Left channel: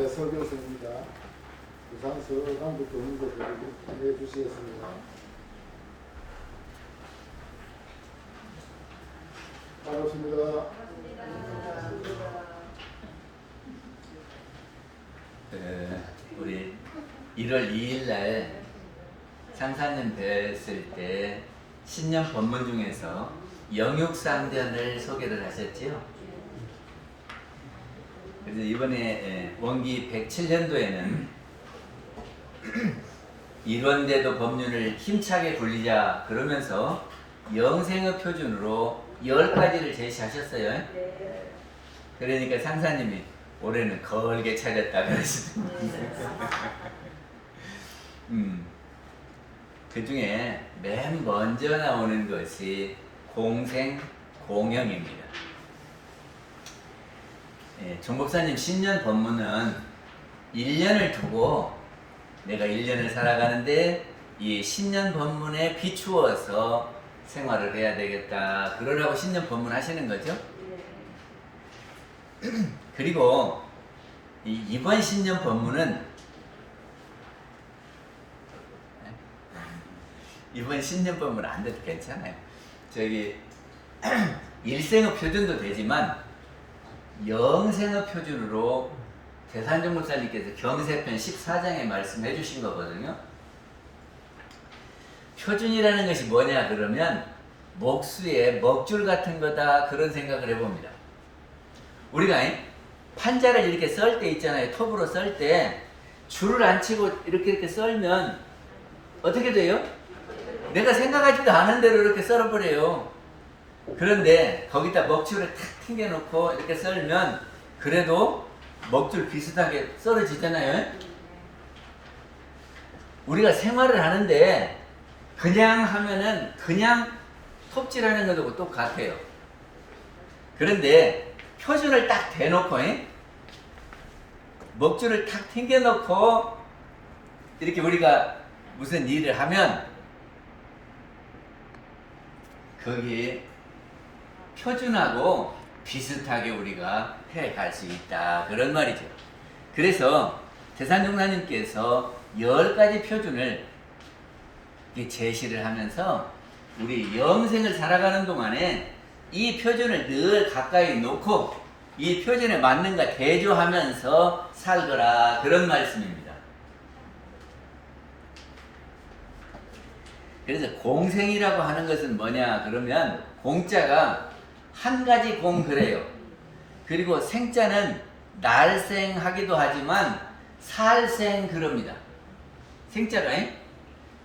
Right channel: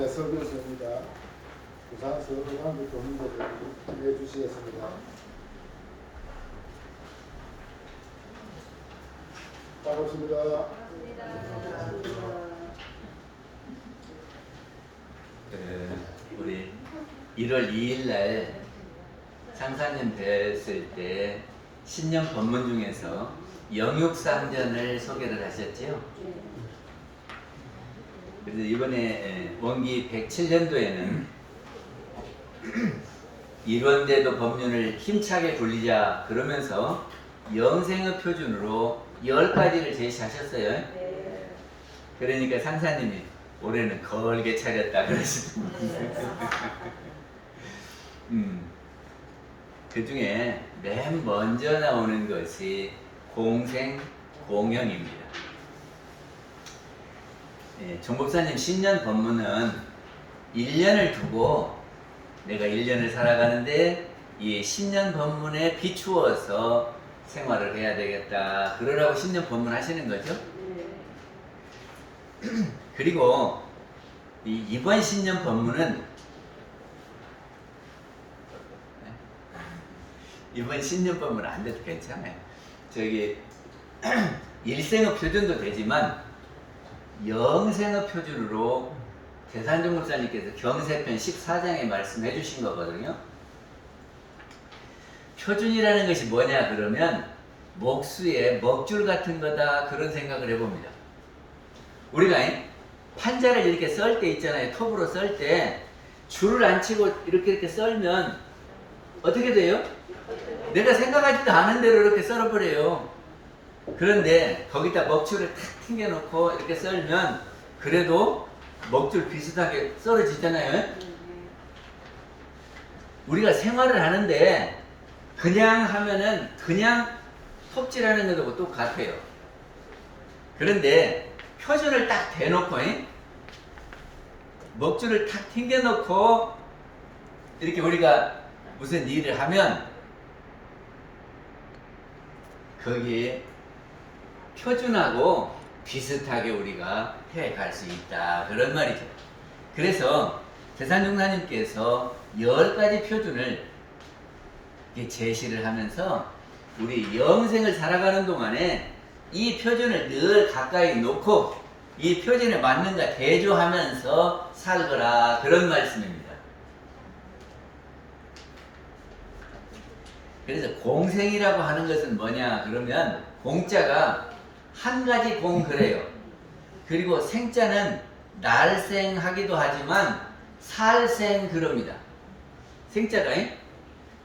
네, 설교서입니다. 부산 서강대 도민교회를 해 주시겠습니다. 반갑습니다. 우리 1월 2일 날 장사님 뵀을 때 신년 본문 중에서 영육상전을 소개를 하셨지요. 그래서 이번에 원기 107년도에는 일원대도 법륜을 힘차게 굴리자 그러면서 영생의 표준으로 10가지를 제시하셨어요. 그러니까 상사님이 올해는 걸게 차렸다 그러시더라고요. 그 중에 맨 먼저 나오는 것이 공생 공형입니다. 종법사님 신년 법문은 1년을 두고 내가 1년을 살아가는데 이 신년 법문에 비추어서 생활을 해야 되겠다 그러라고 신년 법문 하시는 거죠. 그리고 이번 신년 법문은 이번 신년 법문은 안 돼도 괜찮아요. 저기 일생의 표준도 되지만 영생의 표준으로 대산정 목사님께서 경세편 14장에 말씀해 주신 거거든요. 표준이라는 것이 뭐냐 그러면 목수의 먹줄 같은 거다 그런 생각을 해봅니다. 우리가 판자를 이렇게 썰 때 있잖아요. 톱으로 썰 때 줄을 안 치고 이렇게 썰면 어떻게 돼요? 내가 생각하지도 않은 대로 이렇게 썰어버려요. 그런데 거기다 먹줄을 탁 튕겨놓고 이렇게 썰면 그래도 먹줄 비슷하게 썰어지잖아요. 우리가 생활을 하는데 그냥 하면은 그냥 톱질하는 것하고 똑같아요. 그런데 표준을 딱 대놓고 먹줄을 탁 튕겨놓고 이렇게 우리가 무슨 일을 하면 거기에 표준하고 비슷하게 우리가 해갈 수 있다 그런 말이죠. 그래서 대산종사님께서 10가지 표준을 제시를 하면서 우리 영생을 살아가는 동안에 이 표준을 늘 가까이 놓고 이 표준에 맞는가 대조하면서 살거라 그런 말씀입니다. 그래서 공생이라고 하는 것은 뭐냐 그러면 공자가 한 가지 공 그래요. 그리고 생자는 날생하기도 하지만 살생 그럽니다. 생자가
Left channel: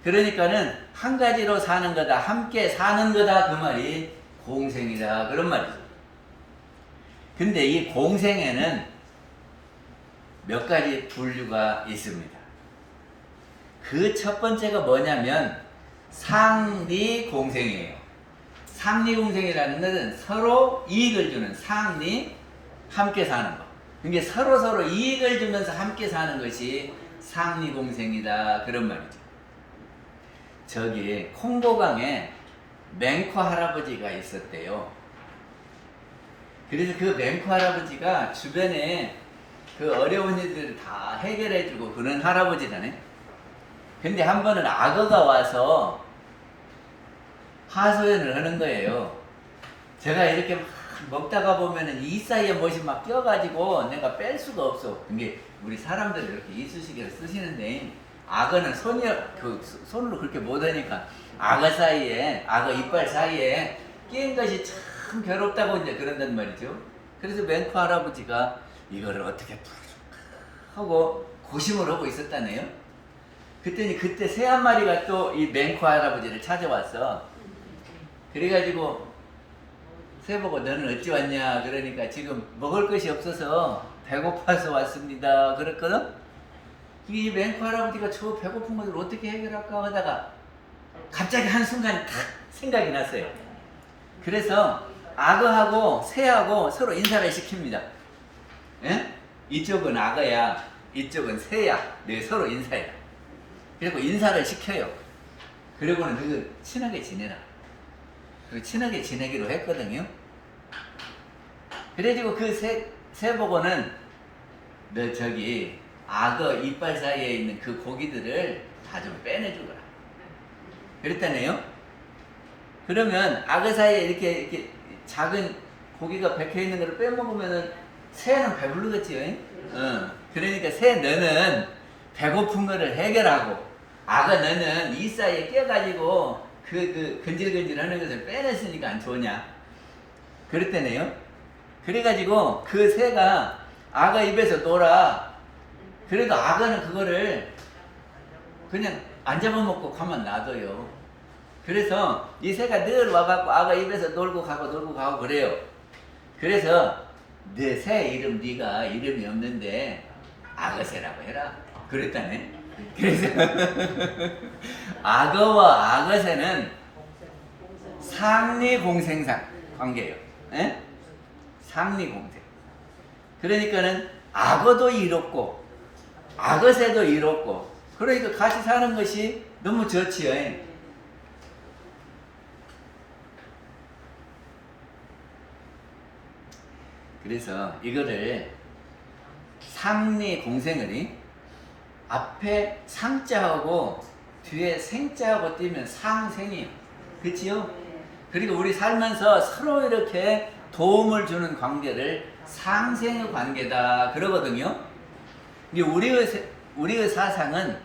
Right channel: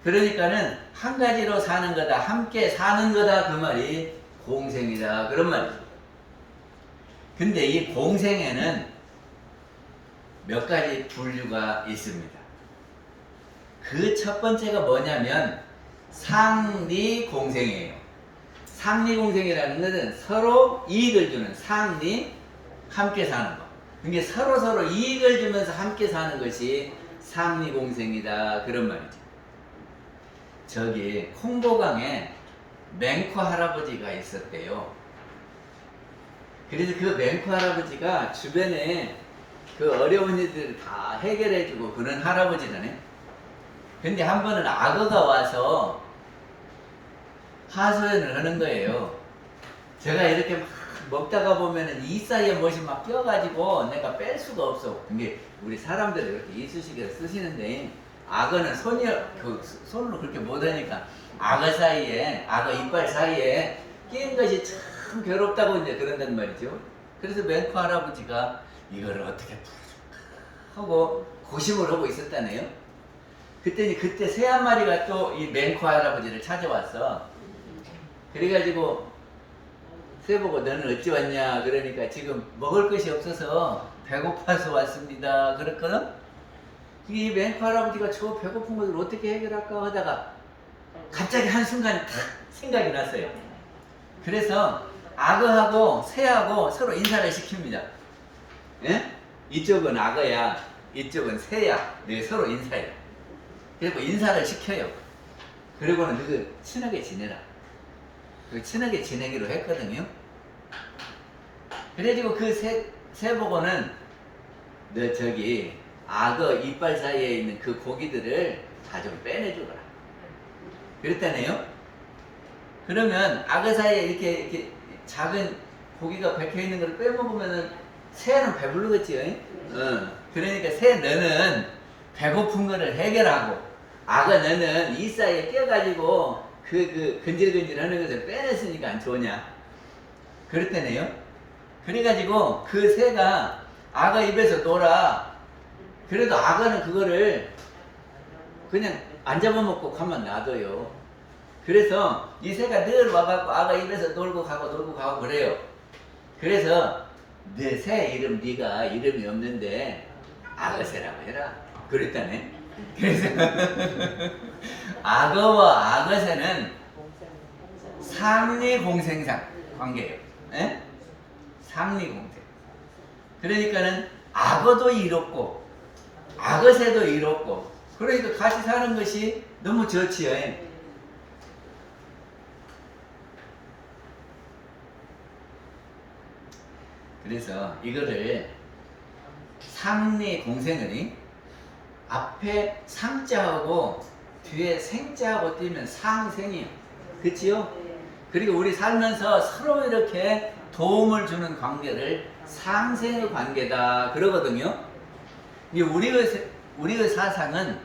그러니까는 한 가지로 사는 거다 함께 사는 거다 그 말이 공생이다 그런 말이죠. 근데 이 공생에는 몇 가지 분류가 있습니다. 그 첫 번째가 뭐냐면 상리 공생이에요. 상리 공생이라는 것은 서로 이익을 주는 상리 함께 사는 것. 그게 서로 이익을 주면서 함께 사는 것이 상리 공생이다 그런 말이죠. 저기 콩고강에 맹커 할아버지가 있었대요. 그래서 그 맹커 할아버지가 주변에 그 어려운 일들을 다 해결해주고 그런 할아버지라네. 근데 한 번은 악어가 와서 하소연을 하는 거예요. 제가 이렇게 막 먹다가 보면은 이 사이에 무엇이 막 껴가지고 내가 뺄 수가 없어. 이게 우리 사람들이 이렇게 이쑤시개를 쓰시는데 악어는 손으로 그렇게 못하니까 악어 이빨 사이에 끼는 것이 참 괴롭다고 이제 그런단 말이죠. 그래서 맹커 할아버지가 이거를 어떻게 풀어줄까 하고 고심을 하고 있었다네요. 그때 새 한 마리가 또 이 맹커 할아버지를 찾아왔어. 그래가지고 새 보고 너는 어찌 왔냐 그러니까 지금 먹을 것이 없어서 배고파서 왔습니다 그랬거든. 이 맹커 할아버지가 저 배고픈 것을 어떻게 해결할까 하다가 갑자기 한순간 탁 생각이 났어요. 그래서 악어하고 새하고 서로 인사를 시킵니다. 예? 이쪽은 악어야 이쪽은 새야 네 서로 인사해라. 그리고 인사를 시켜요. 그리고는 너희 친하게 지내라. 그리고 친하게 지내기로 했거든요. 그래가지고 그 새 보고는 너 저기 악어 이빨 사이에 있는 그 고기들을 다 좀 빼내주거라. 그랬다네요. 그러면 악어 사이에 이렇게 작은 고기가 박혀 있는 걸 빼먹으면은 새는 배부르겠지요. 그러니까 새 너는 배고픈 거를 해결하고 악어 너는 이 사이에 껴가지고 그 근질근질 하는 것을 빼냈으니까 안 좋으냐. 그랬다네요. 그래가지고 그 새가 악어 입에서 놀아. 그래도 악어는 그거를 그냥 안 잡아먹고 가만 놔둬요. 그래서 이 새가 늘 와갖고 악어 입에서 놀고 가고 그래요. 그래서 내 새 이름 네가 이름이 없는데 악어새라고 해라. 그랬다네. 그래서 악어와 악어새는 상리공생상 관계예요. 에? 상리공생. 그러니까는 악어도 이롭고 악어새도 이롭고 그러니까 같이 사는 것이 너무 좋지요. 그래서 이거를 상리공생을 앞에 상자하고 뒤에 생자하고 띄면 상생이요. 그치요? 그리고 우리 살면서 서로 이렇게 도움을 주는 관계를 상생의 관계다 그러거든요. 우리의 사상은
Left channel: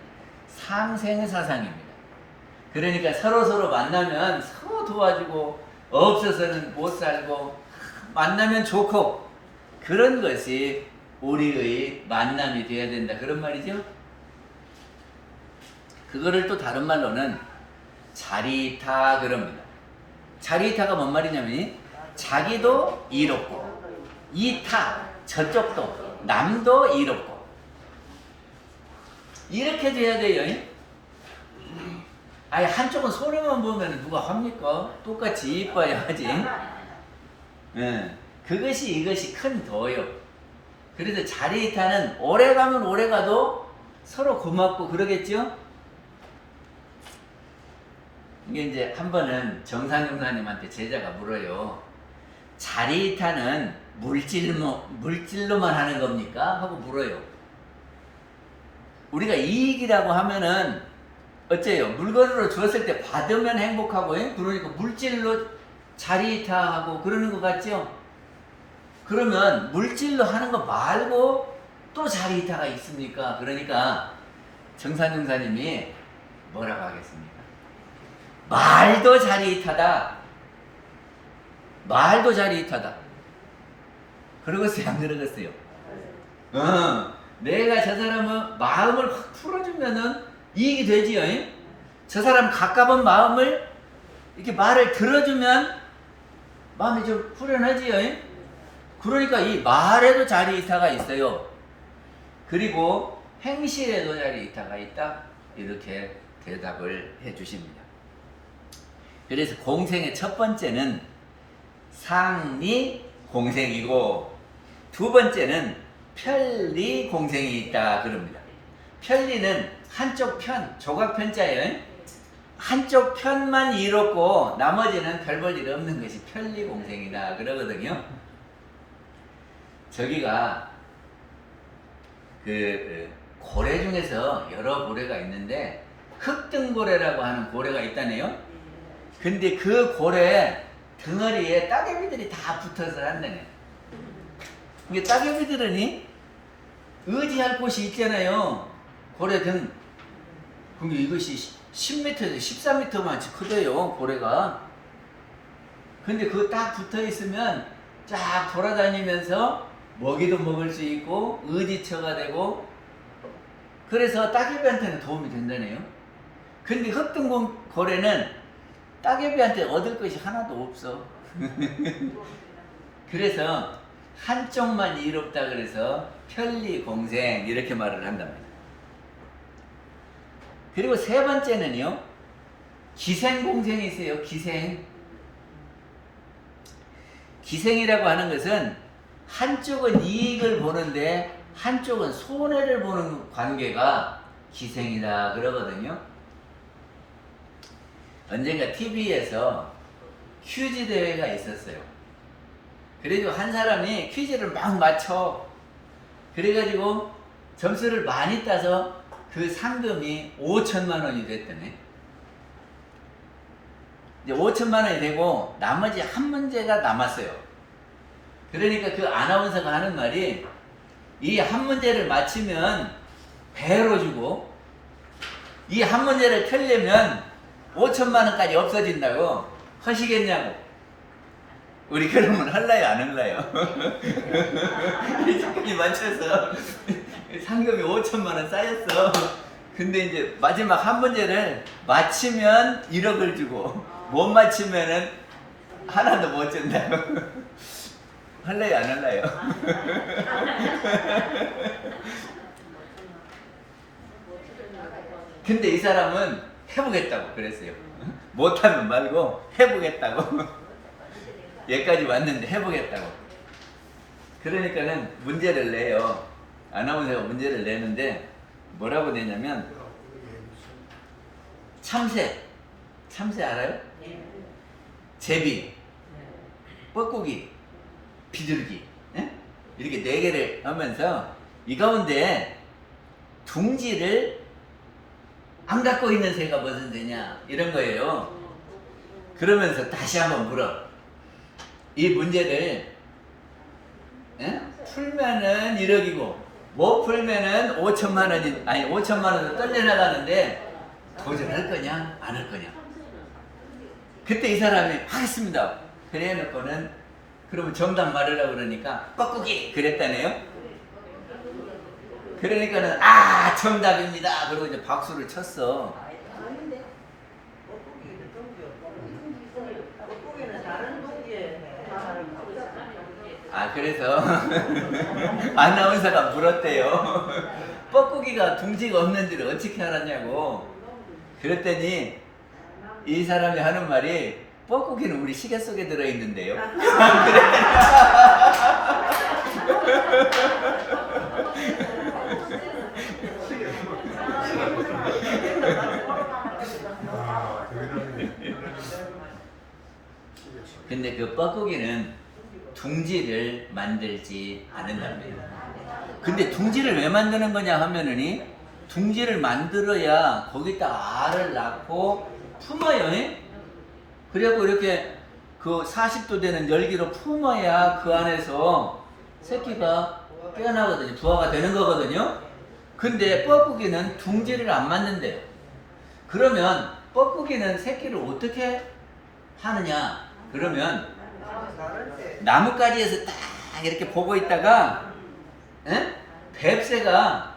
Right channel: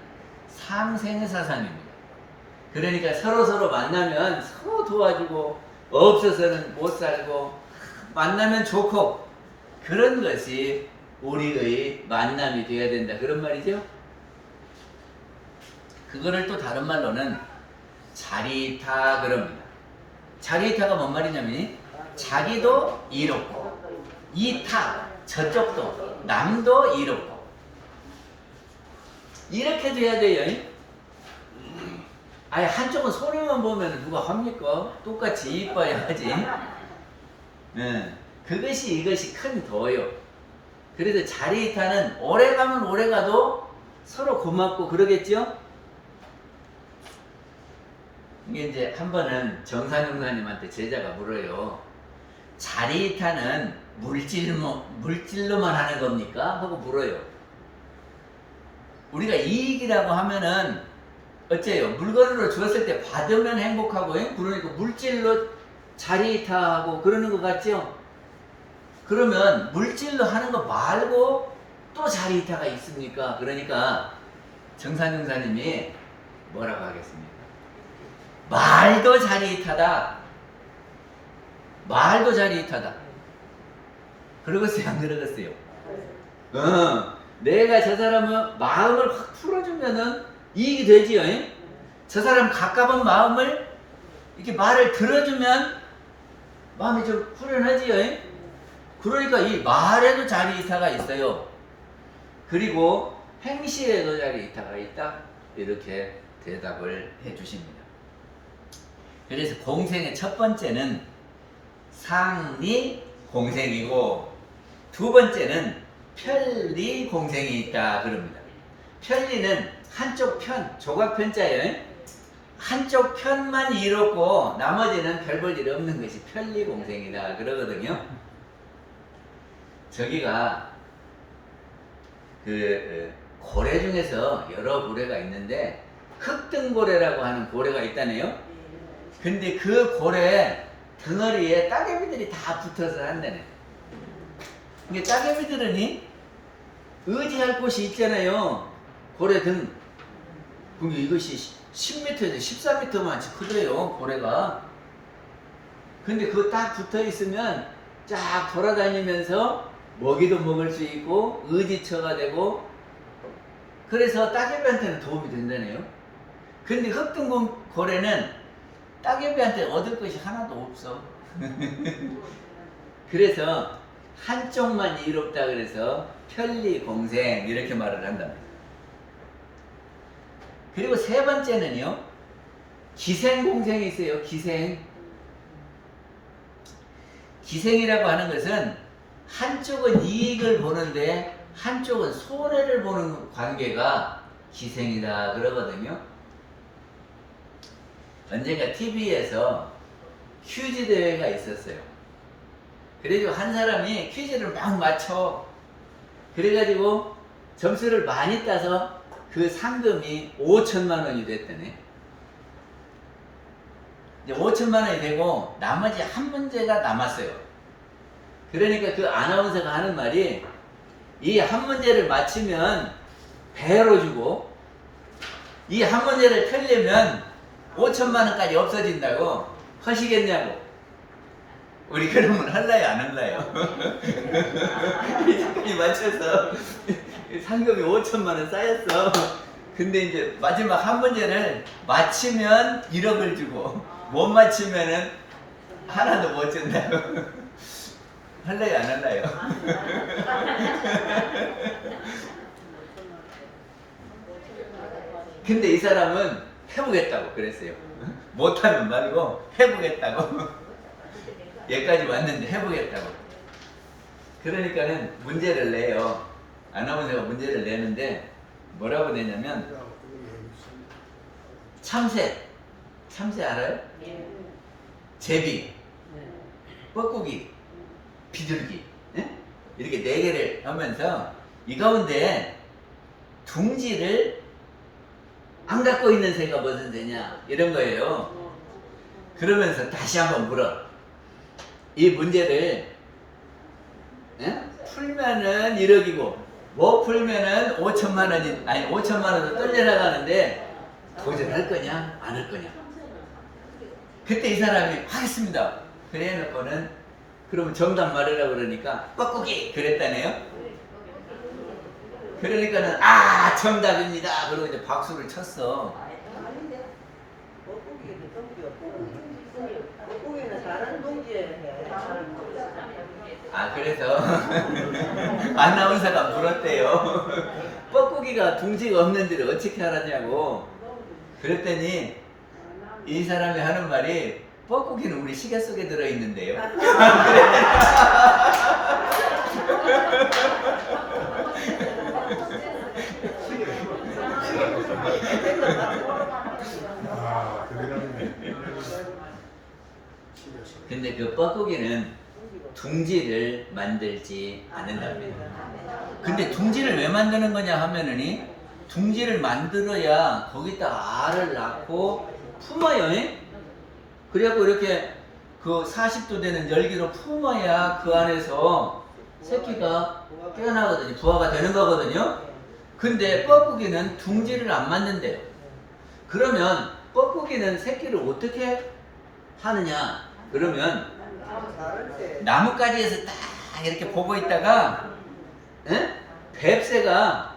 상생의 사상입니다. 그러니까 서로 만나면 서로 도와주고 없어서는 못 살고 만나면 좋고 그런 것이 우리의 만남이 되어야 된다 그런 말이죠. 그거를 또 다른 말로는 자리타 그럽니다. 자리타가 뭔 말이냐면 자기도 이롭고 이타 저쪽도 남도 이롭고 이렇게 돼야 돼요. 아니 한쪽은 손해만 보면 누가 합니까? 똑같이 이뻐야 하지. 이것이 큰 도요. 그래서 자리타는 오래 가면 오래 가도 서로 고맙고 그러겠죠? 이게 이제 한 번은 정산용사님한테 제자가 물어요. 자리타는 물질로만 하는 겁니까? 하고 물어요. 우리가 이익이라고 하면은 어째요? 물건으로 주었을 때 받으면 행복하고, 그러니까 물질로 자리타하고 그러는 것 같죠? 그러면 물질로 하는 거 말고 또 자리타가 있습니까? 그러니까 정산용사님이 뭐라고 하겠습니까? 말도 자리타다. 말도 자리타다. 그러겠어요? 안 그러겠어요? 내가 저 사람의 마음을 확 풀어주면은 이익이 되지요. 저 사람 가까운 마음을 이렇게 말을 들어주면 마음이 좀 후련하지요. 그러니까 이 말에도 자리이타가 있어요. 그리고 행실에도 자리이타가 있다. 이렇게 대답을 해주십니다. 그래서 공생의 첫 번째는 상리공생이고 두 번째는 편리공생이 있다 그럽니다. 편리는 한쪽 편, 조각편자예요. 한쪽 편만 이롭고 나머지는 별 볼 일 없는 것이 편리공생이다 그러거든요. 저기가 그 고래 중에서 여러 고래가 있는데 흑등고래라고 하는 고래가 있다네요. 근데 그 고래 덩어리에 따개비들이 다 붙어서 한다네. 이게 따개비들은 의지할 곳이 있잖아요. 고래 등. 근데 이것이 10m에서 13m만치 크대요, 고래가. 근데 그거 딱 붙어 있으면 쫙 돌아다니면서 먹이도 먹을 수 있고 의지처가 되고 그래서 따개비한테는 도움이 된다네요. 근데 흑등고래는 따개비한테 얻을 것이 하나도 없어. 그래서 한쪽만 이롭다 그래서 편리공생 이렇게 말을 한답니다. 그리고 세 번째는요, 기생공생이 있어요. 기생이라고 하는 것은 한쪽은 이익을 보는데 한쪽은 손해를 보는 관계가 기생이다 그러거든요. 언젠가 TV에서 퀴즈 대회가 있었어요. 그래도 한 사람이 퀴즈를 막 맞춰. 그래가지고 점수를 많이 따서 그 상금이 5천만 원이 됐다네. 이제 5천만 원이 되고 나머지 한 문제가 남았어요. 그러니까 그 아나운서가 하는 말이 이 한 문제를 맞히면 배로 주고 이 한 문제를 틀리면 5천만 원까지 없어진다고. 하시겠냐고. 우리 그러면 할라요 안 할라요? 이까지 맞춰서 상금이 5천만 원 쌓였어. 근데 이제 마지막 한 문제를 맞히면 1억을 주고 못 맞히면은 하나도 못 준다고. 할래요 안 할래요? 근데 이 사람은 해보겠다고 그랬어요. 못하면 말고 해보겠다고. 여기까지 왔는데 해보겠다고. 그러니까는 문제를 내요. 아나운서가 문제를 내는데 뭐라고 내냐면 참새 알아요? 제비, 뻐꾸기, 비둘기, 예? 이렇게 4개를 하면서 이 가운데 둥지를 안 갖고 있는 새가 무슨 새냐 이런 거예요. 그러면서 다시 한번 물어. 이 문제를 풀면은 1억이고 못 풀면은 5천만 원이 아니 5천만 원도 떨려나가는데 도전할 거냐 안 할 거냐. 그때 이 사람이 하겠습니다. 그래 놓고는 그러면 정답 말하라고 그러니까 뻐꾸기 그랬다네요. 그러니까는 아 정답입니다. 그러고 이제 박수를 쳤어. 아 그래서 아나운서가 물었대요. 뻐꾸기가 둥지가 없는 데를 어떻게 알았냐고. 그랬더니 이 사람이 하는 말이 뻐꾸기는 우리 시계 속에 들어있는데요. 근데 그 뻐꾸기는 둥지를 만들지 않는답니다. 근데 둥지를 왜 만드는 거냐 하면은 둥지를 만들어야 거기다 알을 낳고 품어요. 그래갖고 이렇게 그 40도 되는 열기로 품어야 그 안에서 새끼가 깨어나거든요. 부화가 되는 거거든요. 근데 뻐꾸기는 둥지를 안 만든대요. 그러면 뻐꾸기는 새끼를 어떻게 하느냐? 그러면 나뭇가지에서 딱 이렇게 보고 있다가 뱁새가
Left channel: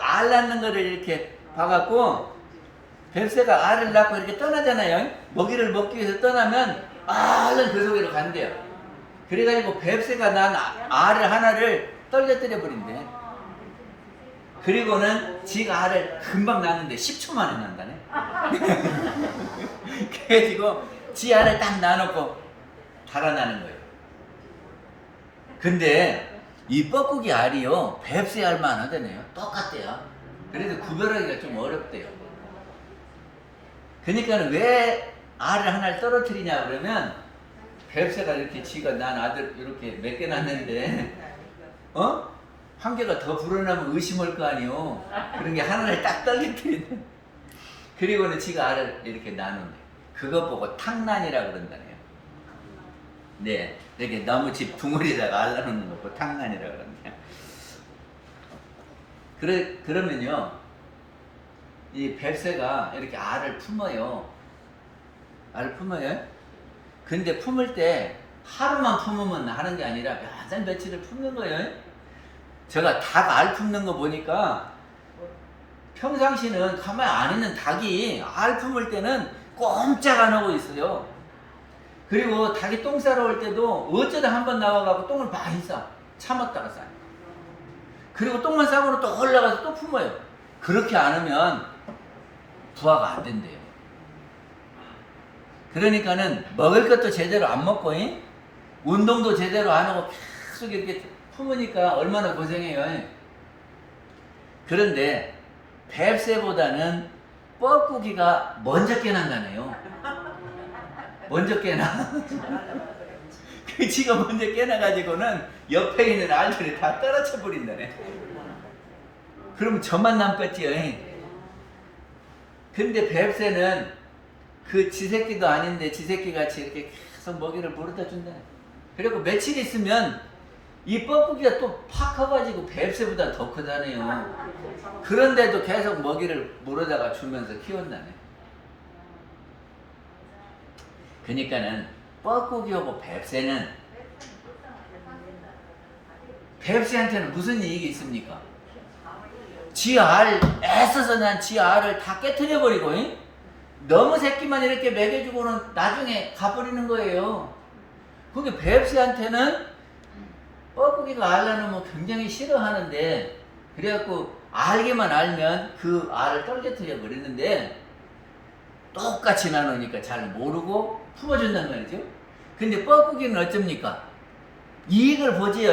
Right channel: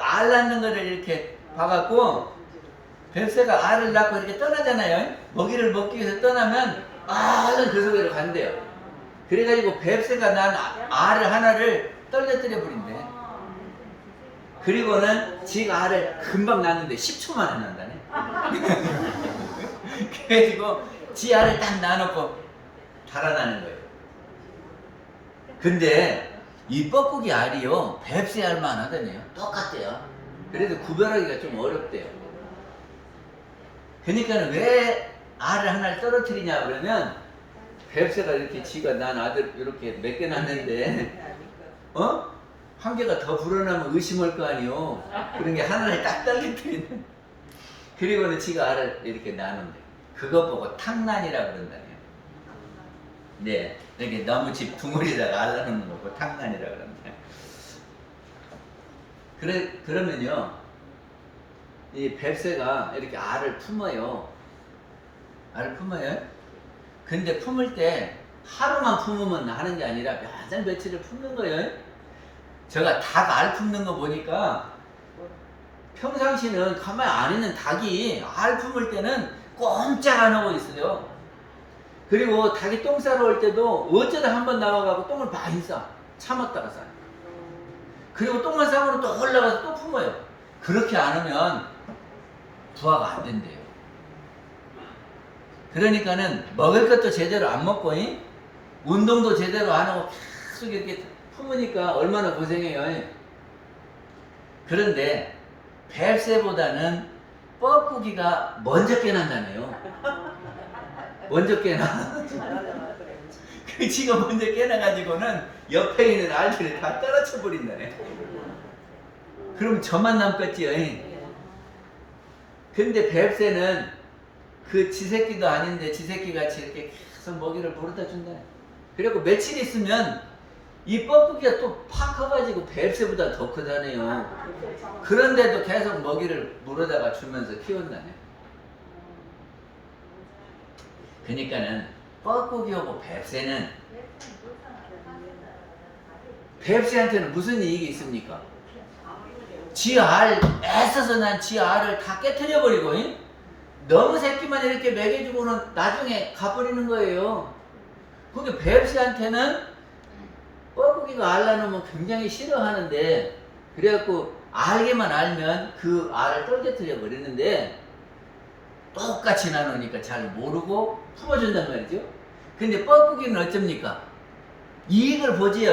알 낳는 거를 이렇게 봐갖고 뱁새가 알을 낳고 이렇게 떠나잖아요. 먹이를 먹기 위해서 떠나면 알은 그 속으로 간대요. 그래가지고 뱁새가 난 알을 하나를 떨어뜨려 버린대. 그리고는 지가 알을 금방 낳는데 10초 만에 난다네. 그래가지고 지 알을 딱 놔놓고 달아나는 거예요. 근데 이 뻐꾸기 알이요 뱁새 알만 하더네요. 똑같대요. 그래도 구별하기가 좀 어렵대요. 그러니까 왜 알을 하나를 떨어뜨리냐 그러면 뱁새가 이렇게 지가 난 아들 이렇게 몇 개 낳는데 한 개가 더 불어나면 의심할 거 아니요. 그런 게 하나를 딱 떨어뜨리는. 그리고는 지가 알을 이렇게 나눈대. 그거 보고 탕난이라 그런다네요. 네, 이렇게 나무집 둥어리다가 알 나누는 거 보고 탕난이라 그러네요. 그러면요, 이 뱁새가 이렇게 알을 품어요. 알을 품어요. 근데 품을 때 하루만 품으면 하는 게 아니라 몇달 며칠을 품는 거예요. 제가 닭 알 품는 거 보니까 평상시는 가만히 안 있는 닭이 알 품을 때는 꼼짝 안 하고 있어요. 그리고 닭이 똥 싸러 올 때도 어쩌다 한번 나와가고 똥을 많이 싸. 참았다가 싸요. 그리고 똥만 싸고는 또 올라가서 또 품어요. 그렇게 안 하면 부화가 안 된대요. 그러니까는 먹을 것도 제대로 안 먹고 운동도 제대로 안 하고 계속 이렇게 품으니까 얼마나 고생해요. 그런데 뱁새보다는 뻐꾸기가 먼저 깨난다네요. 먼저 깨나. 그 지가 먼저 깨나가지고는 옆에 있는 알들이 다 떨어져 버린다네. 그럼 저만 남겠지요. 근데 뱁새는 그 지새끼도 아닌데 지새끼같이 이렇게 계속 먹이를 물어다 준다네. 그리고 며칠 있으면 이 뻐꾸기가 또 팍 커가지고 뱁새보다 더 크다네요. 그런데도 계속 먹이를 물어다가 주면서 키운다네. 그러니까는 뻐꾸기하고 뱁새는, 뱁새한테는 무슨 이익이 있습니까? 지 알, 애써서 난 지 알을 다 깨트려 버리고 너무 새끼만 이렇게 먹여주고는 나중에 가버리는 거예요. 그게 뱁새한테는 뻐꾸기가 알 낳으면 굉장히 싫어하는데, 그래갖고 알기만 알면 그 알을 떨겨뜨려 버리는데, 똑같이 나누니까 잘 모르고 품어준단 말이죠. 근데 뻐꾸기는 어쩝니까? 이익을 보지요.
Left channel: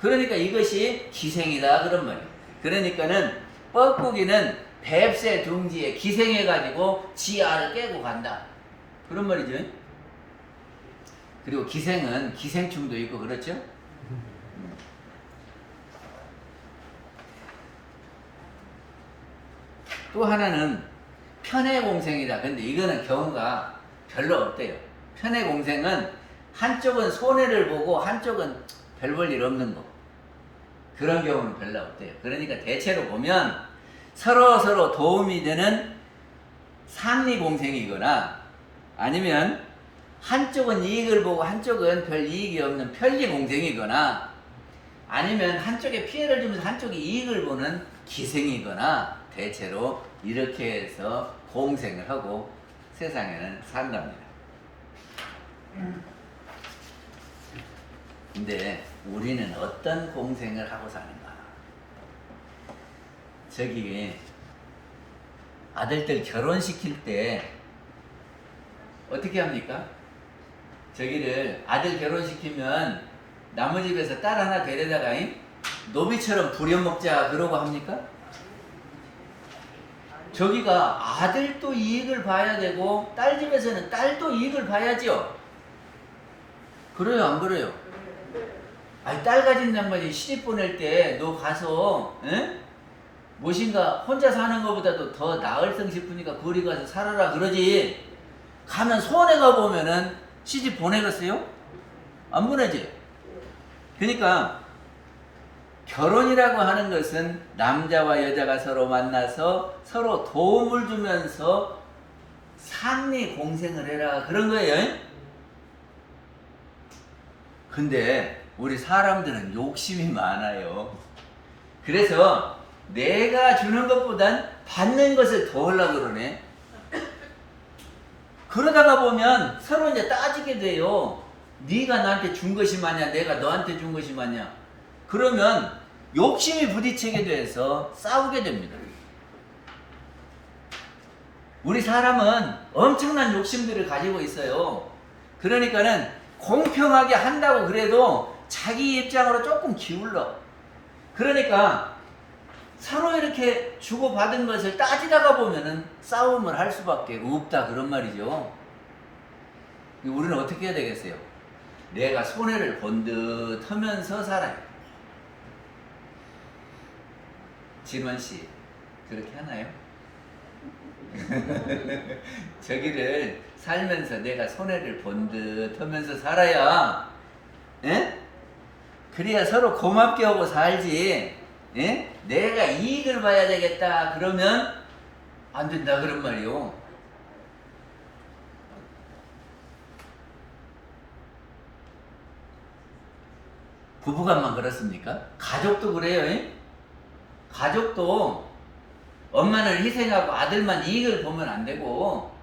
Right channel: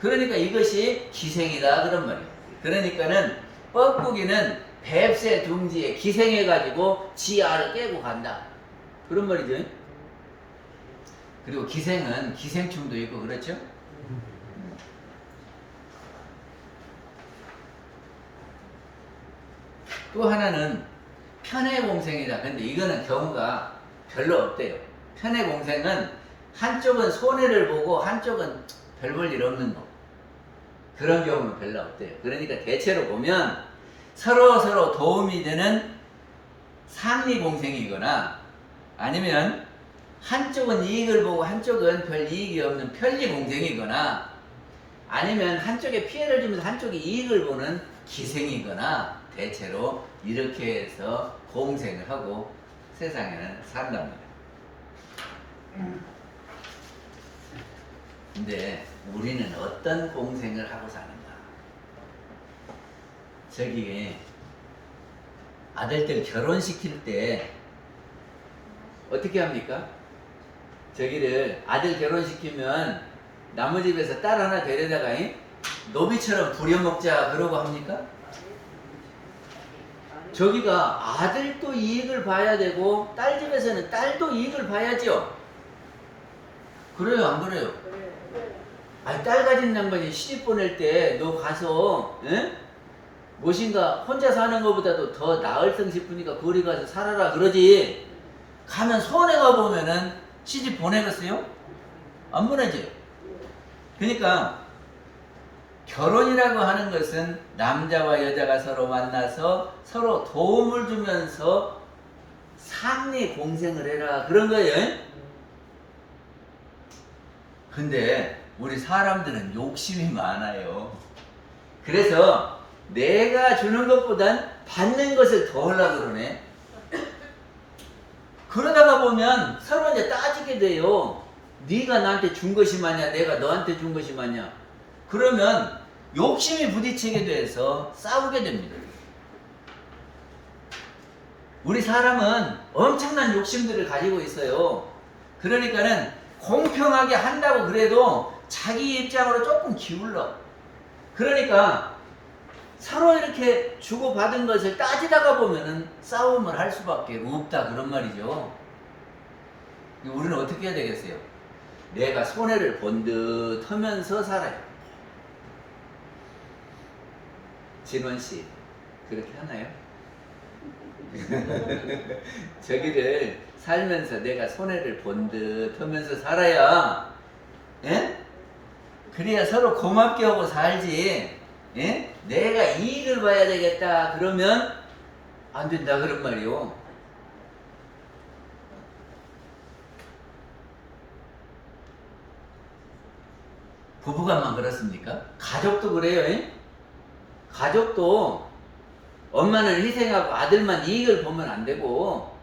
그러니까 이것이 기생이다 그런 말이에요. 그러니까는 뻐꾸기는 뱁새 둥지에 기생해가지고 지 알을 깨고 간다 그런 말이죠. 그리고 기생은 기생충도 있고 그렇죠. 또 하나는 편해공생이다. 근데 이거는 경우가 별로 없대요. 편해공생은 한쪽은 손해를 보고 한쪽은 별 볼 일 없는 거. 그런 경우는 별로 없대요. 그러니까 대체로 보면 서로 도움이 되는 상리공생이거나, 아니면 한쪽은 이익을 보고 한쪽은 별 이익이 없는 편리공생이거나, 아니면 한쪽에 피해를 주면서 한쪽이 이익을 보는 기생이거나, 대체로 이렇게 해서 공생을 하고 세상에는 산답니다. 근데 우리는 어떤 공생을 하고 사는가? 저기 아들들 결혼시킬 때 어떻게 합니까? 저기를 아들 결혼시키면 나무 집에서 딸 하나 데려다가 노비처럼 부려먹자 그러고 합니까? 저기가 아들도 이익을 봐야 되고 딸 집에서는 딸도 이익을 봐야죠. 그래요, 안 그래요? 아니, 딸 가진 양반이 시집 보낼 때 너 가서 무엇인가 혼자 사는 것보다도 더 나을성 싶으니까 거리 가서 살아라 그러지. 가면 손해가 보면은 시집 보내겠어요? 안 보내지. 그러니까 결혼이라고 하는 것은 남자와 여자가 서로 만나서 서로 도움을 주면서 상리 공생을 해라 그런 거예요. 근데 우리 사람들은 욕심이 많아요. 그래서 내가 주는 것보단 받는 것을 더 하려고 그러네. 그러다가 보면 서로 이제 따지게 돼요. 네가 나한테 준 것이 맞냐, 내가 너한테 준 것이 맞냐. 그러면 욕심이 부딪히게 돼서 싸우게 됩니다. 우리 사람은 엄청난 욕심들을 가지고 있어요. 그러니까는 공평하게 한다고 그래도 자기 입장으로 조금 기울러. 그러니까 서로 이렇게 주고받은 것을 따지다가 보면은 싸움을 할 수밖에 없다 그런 말이죠. 우리는 어떻게 해야 되겠어요? 내가 손해를 본 듯 하면서 살아요. 진원씨 그렇게 하나요? 저기를 살면서 내가 손해를 본 듯 하면서 살아야, 그래야 서로 고맙게 하고 살지. 내가 이익을 봐야 되겠다 그러면 안 된다 그런 말이요. 부부간만 그렇습니까? 가족도 그래요. 가족도 엄마는 희생하고 아들만 이익을 보면 안 되고,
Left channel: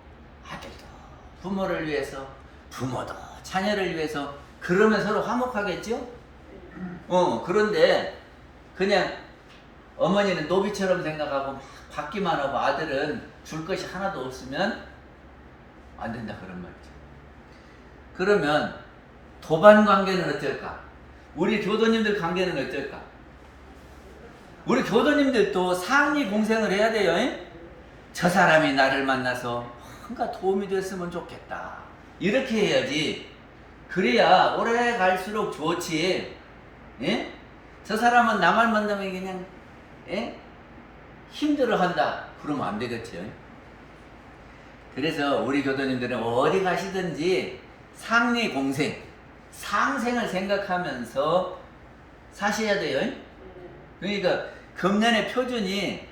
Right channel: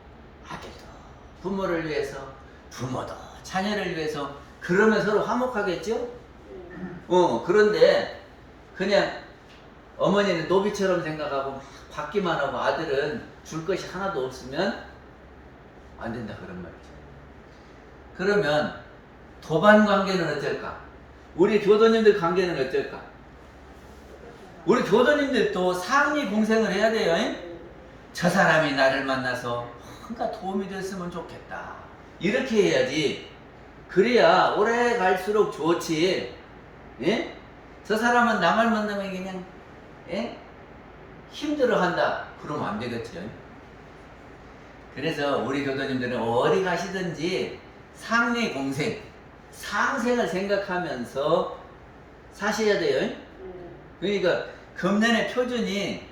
아들도 부모를 위해서, 부모도 자녀를 위해서, 그러면 서로 화목하겠죠? 그런데 그냥 어머니는 노비처럼 생각하고 막 받기만 하고 아들은 줄 것이 하나도 없으면 안 된다 그런 말이죠. 그러면 도반 관계는 어떨까? 우리 교도님들 관계는 어떨까? 우리 교도님들도 상리 공생을 해야 돼요. 저 사람이 나를 만나서 뭔가 도움이 됐으면 좋겠다. 이렇게 해야지. 그래야 오래 갈수록 좋지. 예? 저 사람은 나만 만나면 그냥 예? 힘들어한다. 그러면 안 되겠죠. 그래서 우리 교도님들은 어디 가시든지 상리 공생, 상생을 생각하면서 사셔야 돼요. 그러니까 금년의 표준이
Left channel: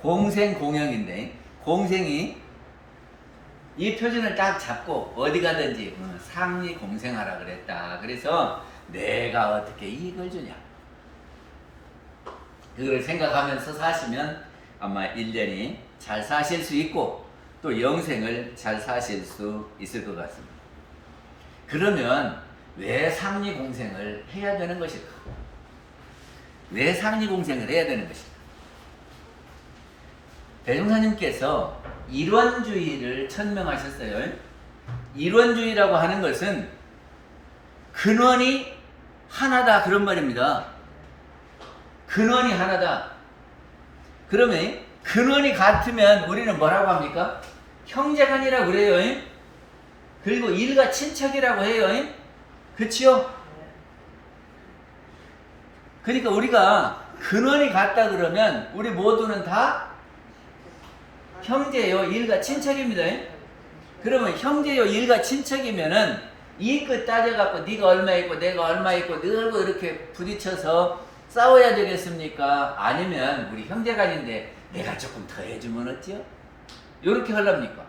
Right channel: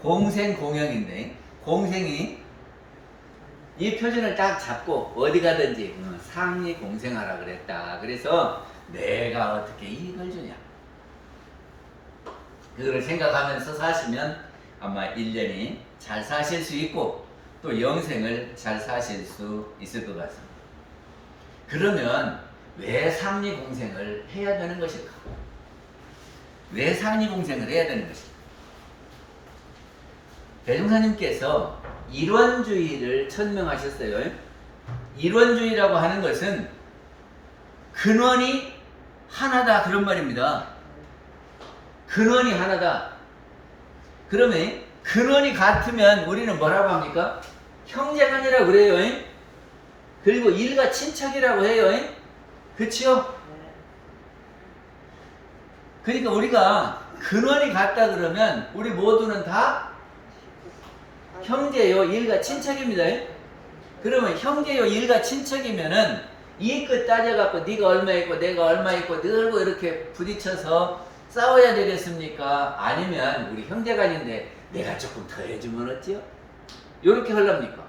공생 공영인데, 공생이 이 표준을 딱 잡고 어디 가든지 상리 공생하라 그랬다. 그래서 내가 어떻게 이익을 주냐, 그거를 생각하면서 사시면 아마 1년이 잘 사실 수 있고 또 영생을 잘 사실 수 있을 것 같습니다. 그러면 왜 상리공생을 해야 되는 것일까? 왜 상리공생을 해야 되는 것일까? 대종사님께서 일원주의를 천명하셨어요. 일원주의라고 하는 것은 근원이 하나다, 그런 말입니다. 근원이 하나다. 그러면 근원이 같으면 우리는 뭐라고 합니까? 형제간이라고 그래요. 그리고 일가 친척이라고 해요. 그렇죠? 그러니까 우리가 근원이 같다 그러면 우리 모두는 다 형제요, 일가 친척입니다. 그러면 형제요, 일가 친척이면은 이 끝 따져갖고 네가 얼마 있고 내가 얼마 있고 늘고 이렇게 부딪혀서 싸워야 되겠습니까? 아니면 우리 형제간인데 내가 조금 더 해주면 어때요? 요렇게 하렵니까?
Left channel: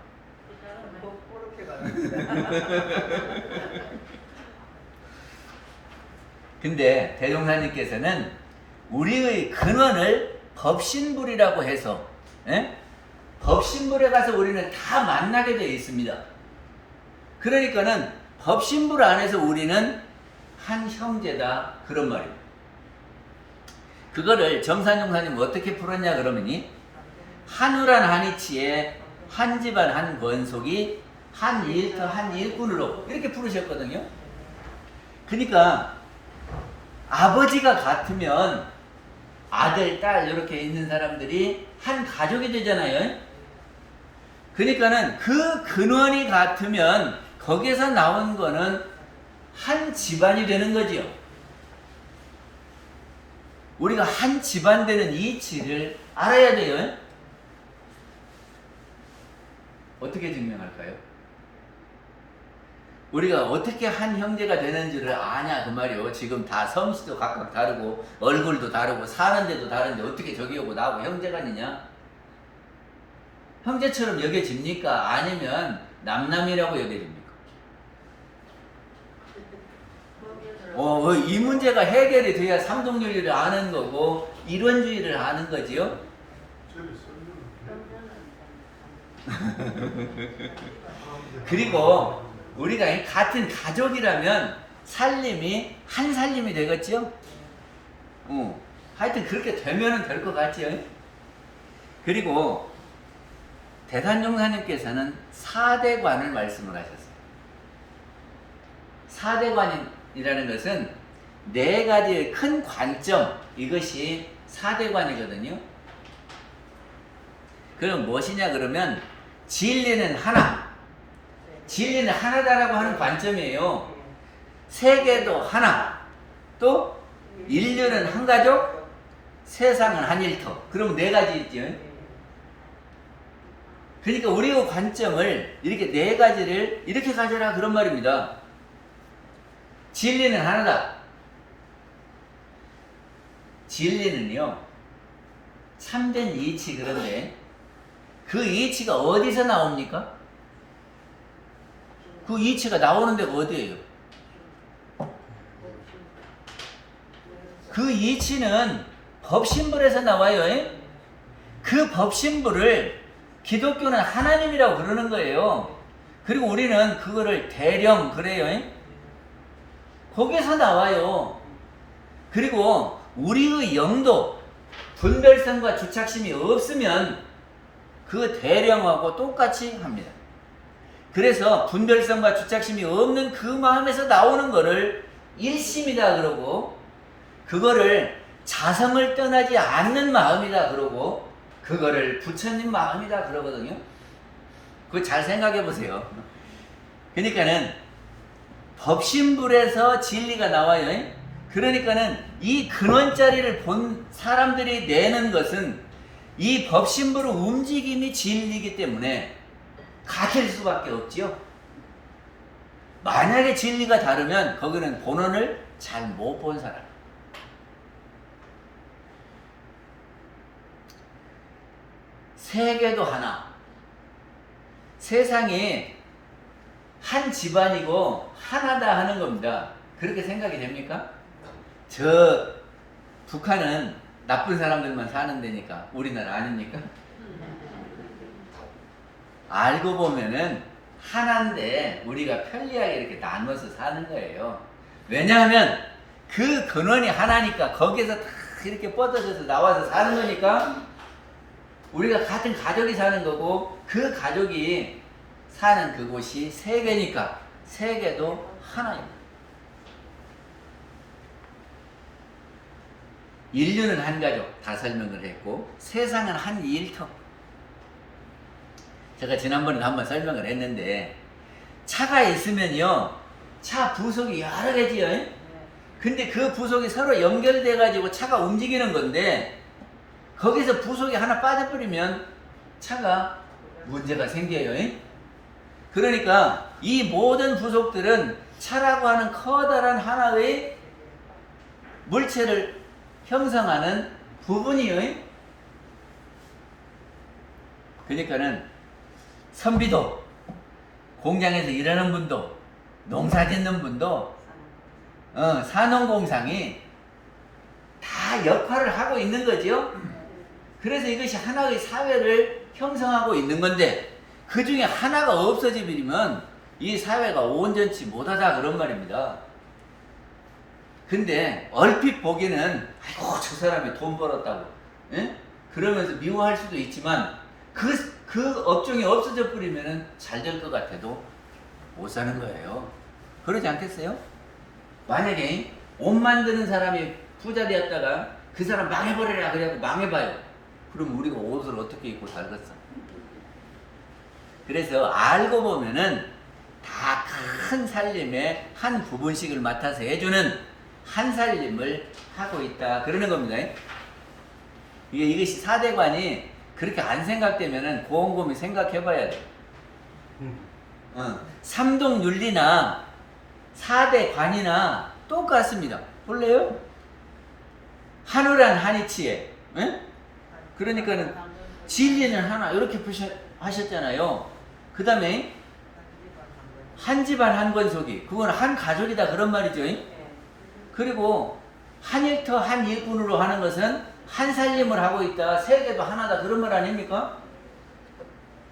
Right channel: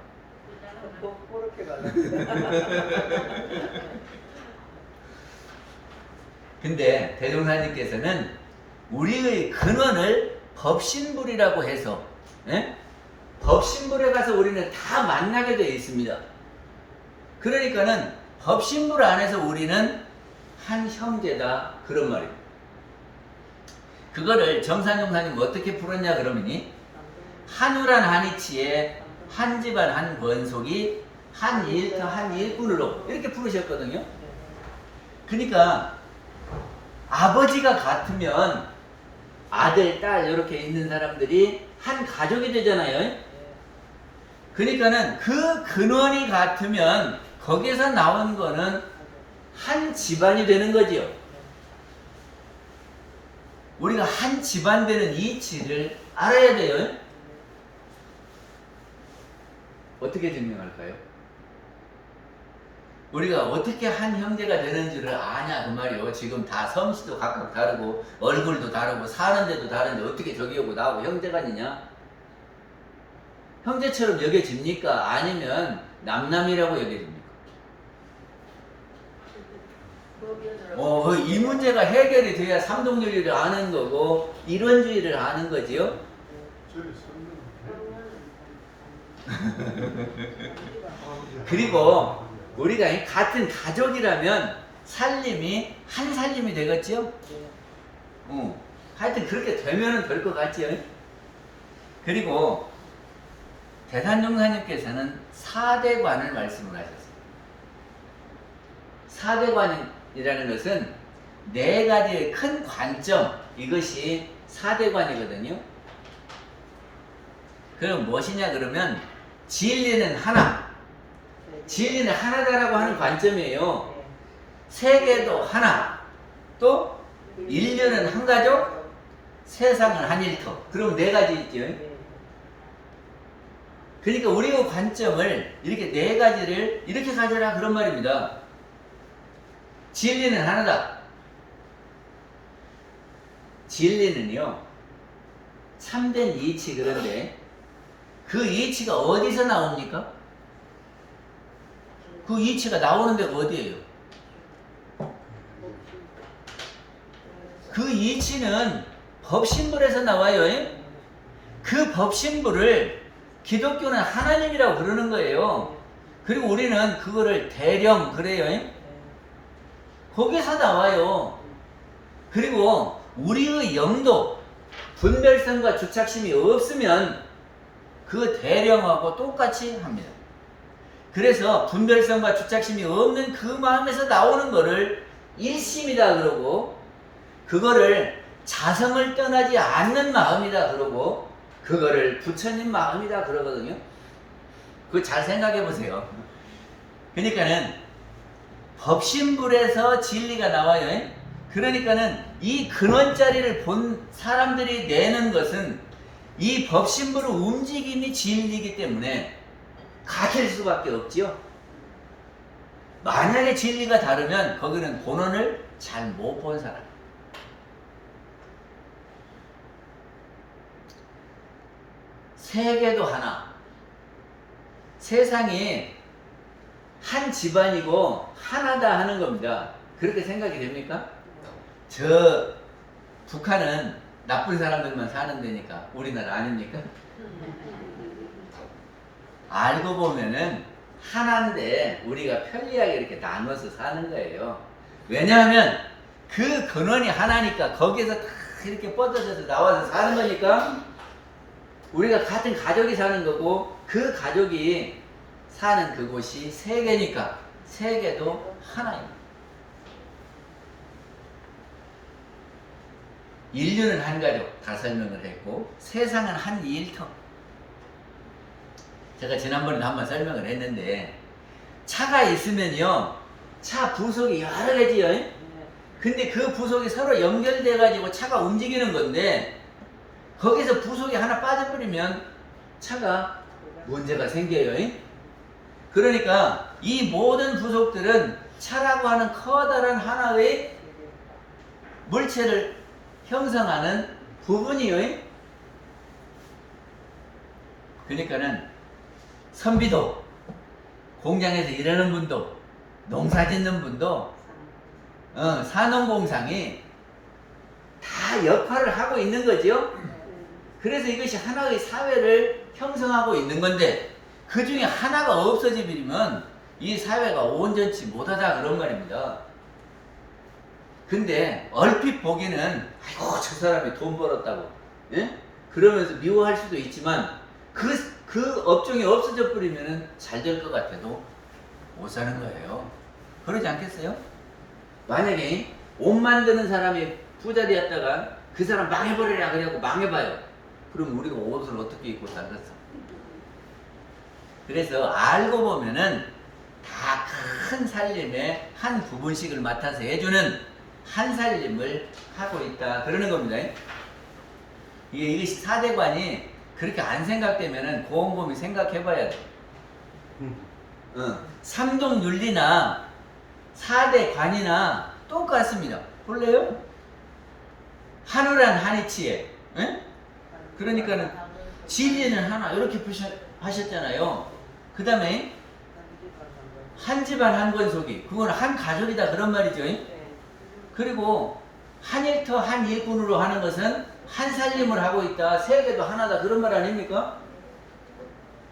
근데 대종사님께서는 우리의 근원을 법신불이라고 해서 법신불에 가서 우리는 다 만나게 되어 있습니다. 그러니까는 법신불 안에서 우리는 한 형제다, 그런 말입니다. 그거를 정산용사님 어떻게 풀었냐 그러면이 한우란 한이치에 한 집안 한 권속이 한 일터 한 일꾼으로 이렇게 풀으셨거든요. 그러니까 아버지가 같으면 아들, 딸 이렇게 있는 사람들이 한 가족이 되잖아요. 그러니까는 그 근원이 같으면 거기에서 나온 거는 한 집안이 되는 거지요. 우리가 한 집안 되는 이치를 알아야 돼요. 어떻게 증명할까요? 우리가 어떻게 한 형제가 되는지를 아냐 그 말이요. 지금 다 성씨도 각각 다르고 얼굴도 다르고 사는 데도 다른데 어떻게 저기 오고 나하고 형제간이냐? 형제처럼 여겨집니까? 아니면 남남이라고 여겨집니까? 이 문제가 해결이 돼야 삼동윤리를 아는 거고 일원주의를 아는 거지요. 그리고 우리가 같은 가족이라면 살림이 한 살림이 되겠지요. 하여튼 그렇게 되면은 될 것 같지요. 그리고 대산종사님께서는 사대관을 말씀을 하셨어요. 사대관이라는 것은 네 가지의 큰 관점, 이것이 사대관이거든요. 그럼 무엇이냐 그러면 진리는 하나, 진리는 하나다라고 하는 관점이에요. 세계도 하나, 또 인류는 한 가족, 세상은 한 일터. 그럼 네 가지 있죠. 그러니까 우리의 관점을 이렇게 네 가지를 이렇게 가져라, 그런 말입니다. 진리는 하나다. 진리는요, 참된 이치. 그런데 그 이치가 어디서 나옵니까? 그 이치가 나오는 데가 어디예요? 그 이치는 법신불에서 나와요. 그 법신불을 기독교는 하나님이라고 그러는 거예요. 그리고 우리는 그거를 대령 그래요. 거기서 나와요. 그리고 우리의 영도 분별성과 주착심이 없으면 그 대령하고 똑같이 합니다. 그래서 분별성과 주착심이 없는 그 마음에서 나오는 거를 일심이다 그러고, 그거를 자성을 떠나지 않는 마음이다 그러고, 그거를 부처님 마음이다 그러거든요. 그거 잘 생각해 보세요. 그러니까는 법신불에서 진리가 나와요. 그러니까는 이 근원자리를 본 사람들이 내는 것은 이 법신불의 움직임이 진리이기 때문에 같을 수밖에 없지요. 만약에 진리가 다르면 거기는 본원을 잘 못 본 사람. 세계도 하나. 세상이 한 집안이고 하나다 하는 겁니다. 그렇게 생각이 됩니까? 저 북한은 나쁜 사람들만 사는 데니까 우리나라 아닙니까? 알고 보면은 하나인데 우리가 편리하게 이렇게 나눠서 사는 거예요. 왜냐하면 그 근원이 하나니까 거기에서 다 이렇게 뻗어져서 나와서 사는 거니까 우리가 같은 가족이 사는 거고 그 가족이 사는 그곳이 세계니까 세계도 하나입니다. 인류는 한 가족 다 설명을 했고 세상은 한 일터. 제가 지난번에도 한번 설명을 했는데 차가 있으면요 차 부속이 여러 개지요. 근데 그 부속이 서로 연결돼 가지고 차가 움직이는 건데 거기서 부속이 하나 빠져버리면 차가 문제가 생겨요. 그러니까 이 모든 부속들은 차라고 하는 커다란 하나의 물체를 형성하는 부분이요. 그러니까는 선비도, 공장에서 일하는 분도, 농사 짓는 분도, 산업공상이 다 역할을 하고 있는 거죠. 그래서 이것이 하나의 사회를 형성하고 있는 건데 그 중에 하나가 없어지면 이 사회가 온전치 못하다 그런 말입니다. 근데 얼핏 보기는 아이고 저 사람이 돈 벌었다고 그러면서 미워할 수도 있지만 그 업종이 없어져 버리면 잘 될 것 같아도 못 사는 거예요. 그러지 않겠어요? 만약에 옷 만드는 사람이 부자 되었다가 그 사람 망해버려라 그래갖고 망해봐요. 그럼 우리가 옷을 어떻게 입고 살겠어? 그래서 알고 보면은 다 큰 살림의 한 부분씩을 맡아서 해주는 한 살림을 하고 있다 그러는 겁니다. 이것이 사대관이 그렇게 안 생각되면은 곰곰이 생각해봐야 돼. 삼동윤리나 사대관이나 똑같습니다. 볼래요? 한우란 한이치에, 그러니까는 진리는 하나 이렇게 하셨잖아요. 그 다음에 한 집안 한 권속이 그건 한 가족이다 그런 말이죠. 그리고 한 일터 한 일꾼으로 하는 것은 한 살림을 하고 있다. 세계도 하나다 그런 말 아닙니까?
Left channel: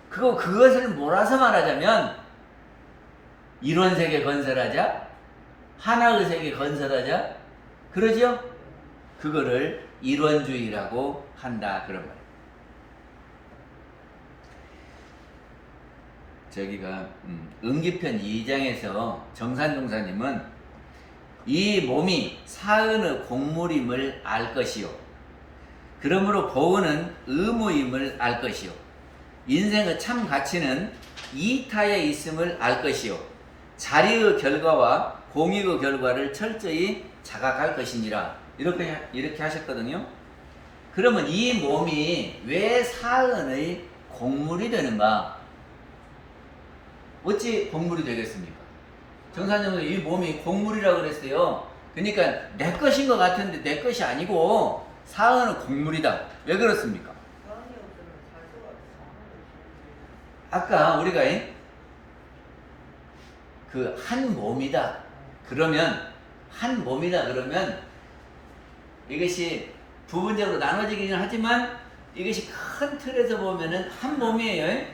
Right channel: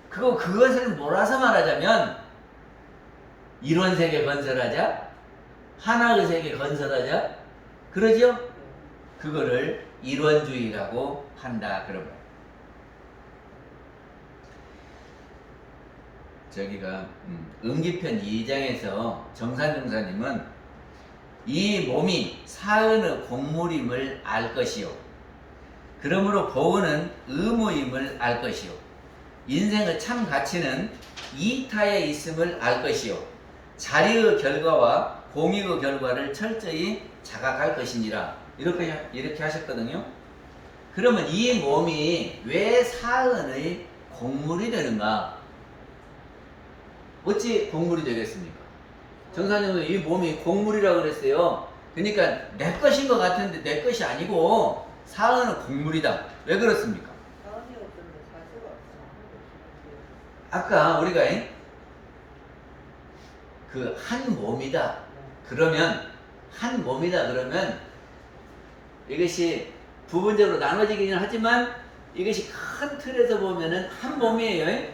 그것을 몰아서 말하자면 일원세계 건설하자, 하나의 세계 건설하자, 그러죠? 그거를 일원주의라고 한다 그런 말. 저기가 음기편 2장에서 정산종사님은 이 몸이 사은의 공물임을 알 것이요. 그러므로 보은은 의무임을 알 것이요. 인생의 참 가치는 이타에 있음을 알 것이요. 자리의 결과와 공익의 결과를 철저히 자각할 것이니라. 이렇게 하셨거든요. 그러면 이 몸이 왜 사은의 공물이 되는가? 어찌 공물이 되겠습니까? 정사님은 이 몸이 공물이라고 그랬어요. 그러니까 내 것인 것 같은데 내 것이 아니고 사은은 공물이다. 왜 그렇습니까? 아까 우리가 그 한 몸이다. 그러면 한 몸이다 그러면 이것이 부분적으로 나눠지기는 하지만 이것이 큰 틀에서 보면은 한 몸이에요.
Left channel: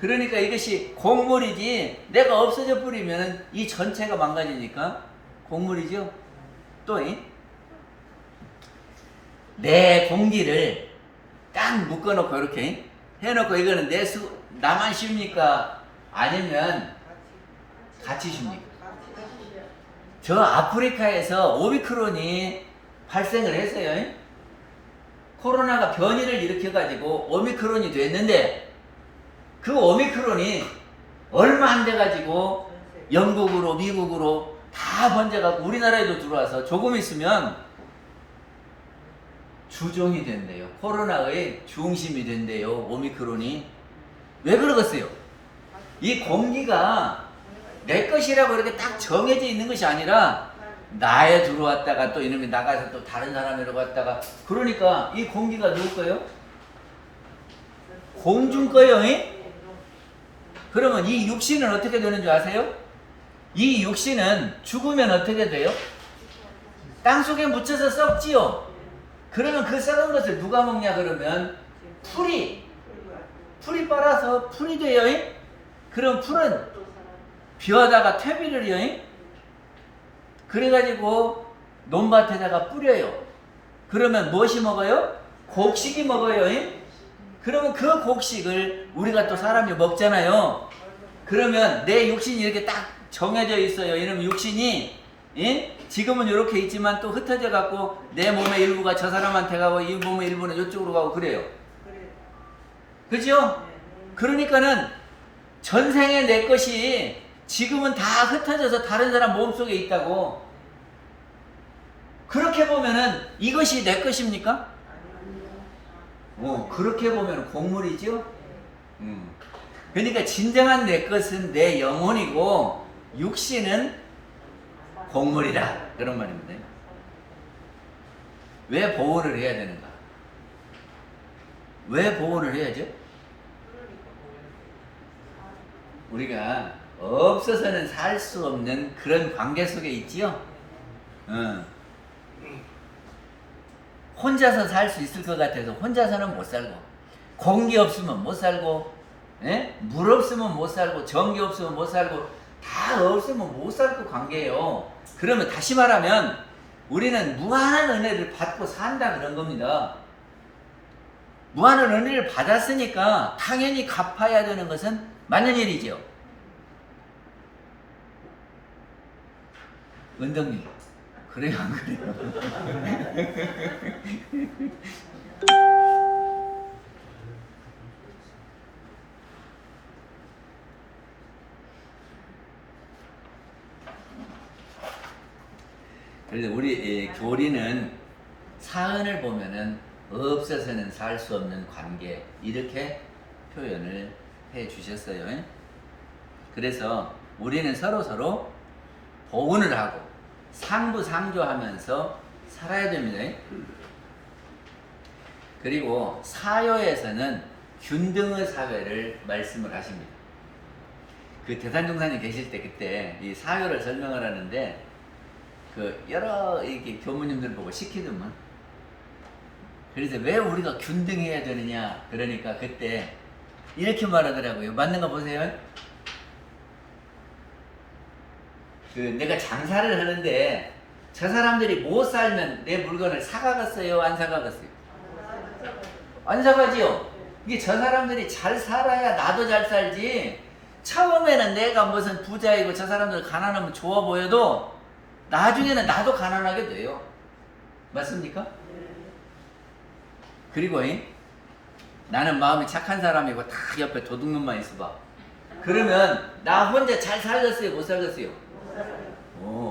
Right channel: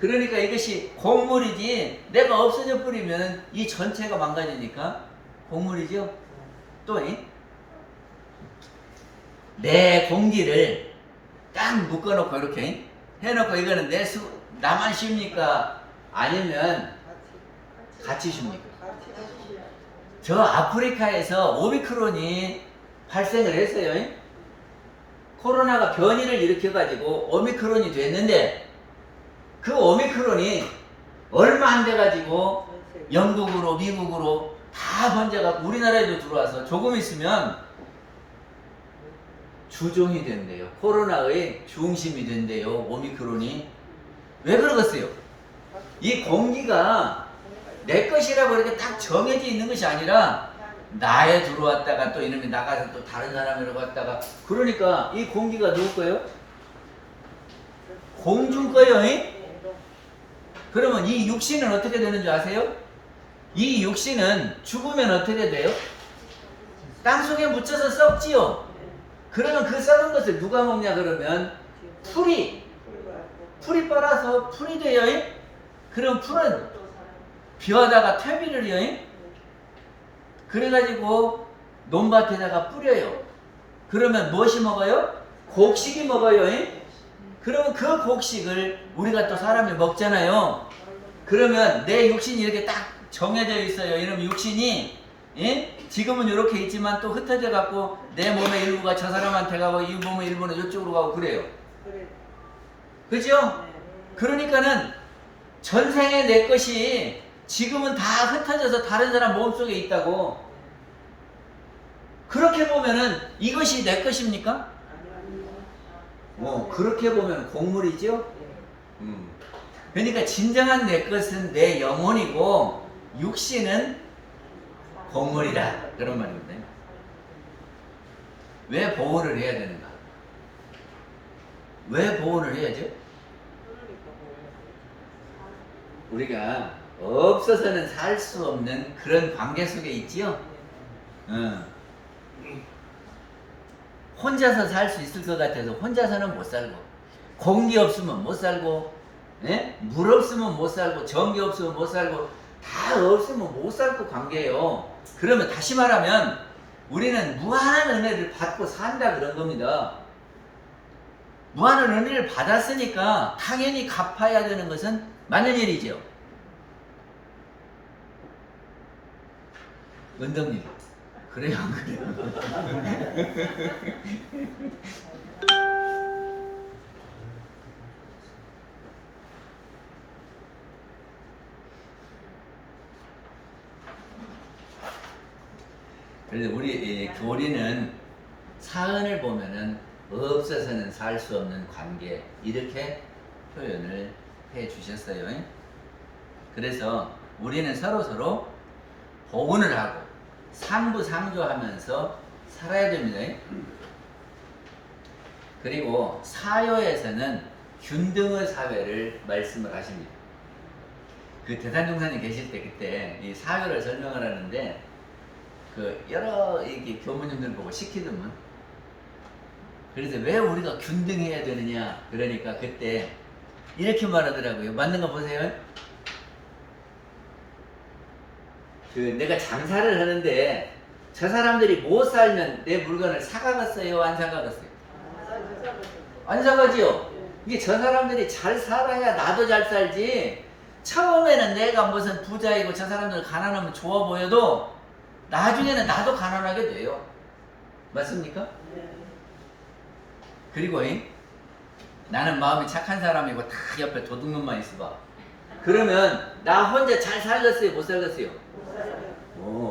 그러니까 이것이 공물이지 내가 없어져 버리면 이 전체가 망가지니까 공물이죠. 또 내 공기를 딱 묶어놓고 이렇게 해놓고 이거는 나만 쉽니까? 아니면 같이 쉽니까? 저 아프리카에서 오미크론이 발생을 했어요. 코로나가 변이를 일으켜가지고 오미크론이 됐는데 그 오미크론이 얼마 안 돼가지고 영국으로 미국으로 다 번져갖고 우리나라에도 들어와서 조금 있으면 주종이 된대요. 코로나의 중심이 된대요. 오미크론이. 왜 그러겠어요? 이 공기가 내 것이라고 이렇게 딱 정해져 있는 것이 아니라 나에 들어왔다가 또 이놈이 나가서 또 다른 사람이라고 왔다가 그러니까 이 공기가 누구 거요? 공중 거요. 그러면 이 육신은 어떻게 되는 줄 아세요? 이 육신은 죽으면 어떻게 돼요? 땅속에 묻혀서 썩지요. 그러면 그 썩은 것을 누가 먹냐 그러면 풀이 빨아서 풀이 돼요. 그럼 풀은 벼에다가 퇴비를 요. 그래가지고 논밭에다가 뿌려요. 그러면 무엇이 먹어요? 곡식이 먹어요. 그러면 그 곡식을 우리가 또 사람이 먹잖아요. 그러면 내 육신이 이렇게 딱 정해져 있어요. 이러면 육신이 지금은 이렇게 있지만 또 흩어져 갖고 내 몸의 일부가 저 사람한테 가고 이 몸의 일부는 이쪽으로 가고 그래요. 그죠? 그러니까는 전생에 내 것이 지금은 다 흩어져서 다른 사람 몸속에 있다고. 그렇게 보면은 이것이 내 것입니까? 그렇게 보면 곡물이죠. 그러니까 진정한 내 것은 내 영혼이고 육신은 곡물이다. 그런 말입니다. 왜 보호를 해야 되는가? 왜 보호를 해야죠? 우리가 없어서는 살 수 없는 그런 관계 속에 있지요. 혼자서 살 수 있을 것 같아서 혼자서는 못 살고, 공기 없으면 못 살고, 물 없으면 못 살고, 전기 없으면 못 살고, 다 없으면 못 살 그 관계예요. 그러면 다시 말하면 우리는 무한한 은혜를 받고 산다 그런 겁니다. 무한한 은혜를 받았으니까 당연히 갚아야 되는 것은 맞는 일이죠. 은덕님, 그래요 안 그래요? 그래서 우리 교리는 사은을 보면은 없어서는 살 수 없는 관계 이렇게 표현을 해 주셨어요. 그래서 우리는 서로 보훈을 하고 상부상조하면서 살아야 됩니다. 그리고 사요에서는 균등의 사회를 말씀을 하십니다. 그 대산종사님 계실 때 그때 이 사요를 설명을 하는데 그 여러 이렇게 교무님들 보고 시키더만. 그래서 왜 우리가 균등해야 되느냐 그러니까 그때 이렇게 말하더라고요. 맞는 거 보세요. 그 내가 장사를 하는데 저 사람들이 못 살면 내 물건을 사가겠어요? 안 사가겠어요? 안 사가지요. 이게 저 사람들이 잘 살아야 나도 잘 살지. 처음에는 내가 무슨 부자이고 저 사람들 가난하면 좋아 보여도 나중에는 나도 가난하게 돼요. 맞습니까? 그리고 나는 마음이 착한 사람이고 다 옆에 도둑놈만 있어봐. 그러면 나 혼자 잘 살겠어요? 못 살겠어요?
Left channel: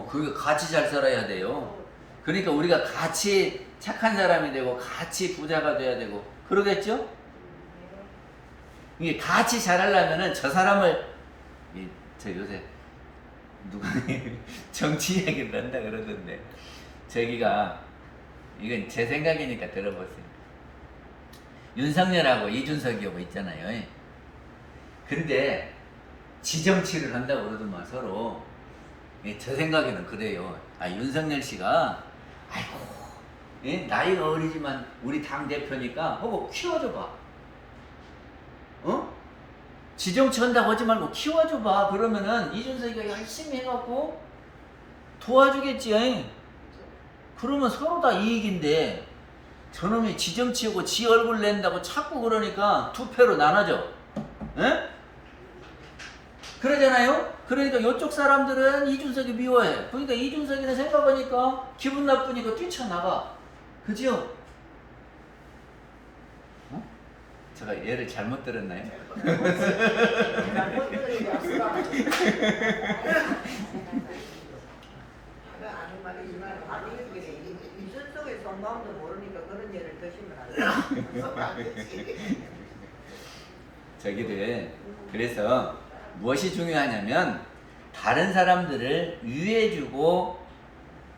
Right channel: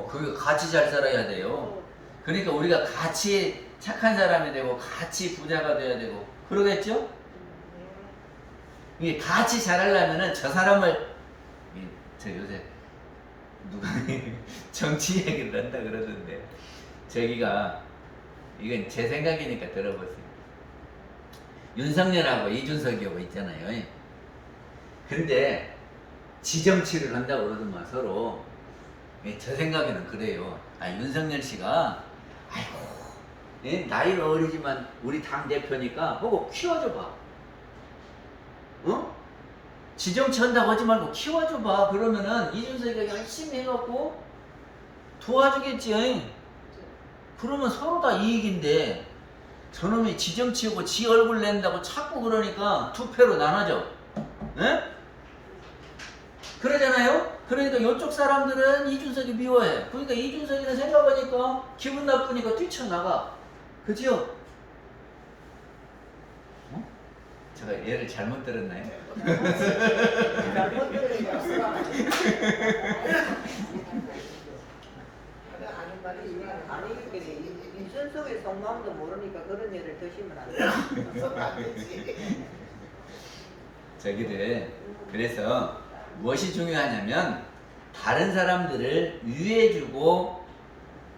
그게 같이 잘 살아야 돼요. 그러니까 우리가 같이 착한 사람이 되고 같이 부자가 돼야 되고 그러겠죠? 이게 같이 잘하려면은 저 사람을 저 요새 누가 정치 얘기를 한다 그러던데 저기가 이건 제 생각이니까 들어보세요. 윤석열하고 이준석이하고 있잖아요. 근데 지정치를 한다고 그러더만 서로. 저 생각에는 그래요. 윤석열 씨가 아이고 나이가 어리지만 우리 당 대표니까 보고 키워줘봐. 지정치 한다고 하지 말고 키워줘봐. 그러면은 이준석이가 열심히 해갖고 도와주겠지. 그러면 서로 다 이익인데 저놈이 지정치고 지 얼굴 낸다고 자꾸 그러니까 투표로 나눠져. 그러잖아요? 그러니까 이쪽 사람들은 이준석이 미워해. 그러니까 이준석이는 생각하니까 기분 나쁘니까 뛰쳐나가. 그죠? 제가 얘를 잘못 들었나요? 보니까 그런 일을 드시면 안 돼. 저기를 그래서 무엇이 중요하냐면 다른 사람들을 위해주고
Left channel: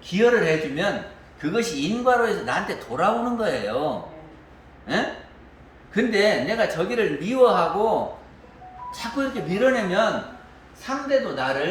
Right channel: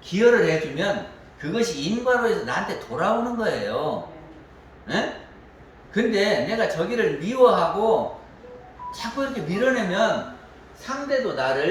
기여를 해주면 그것이 인과로 해서 나한테 돌아오는 거예요. 에? 근데 내가 저기를 미워하고 자꾸 이렇게 밀어내면 상대도 나를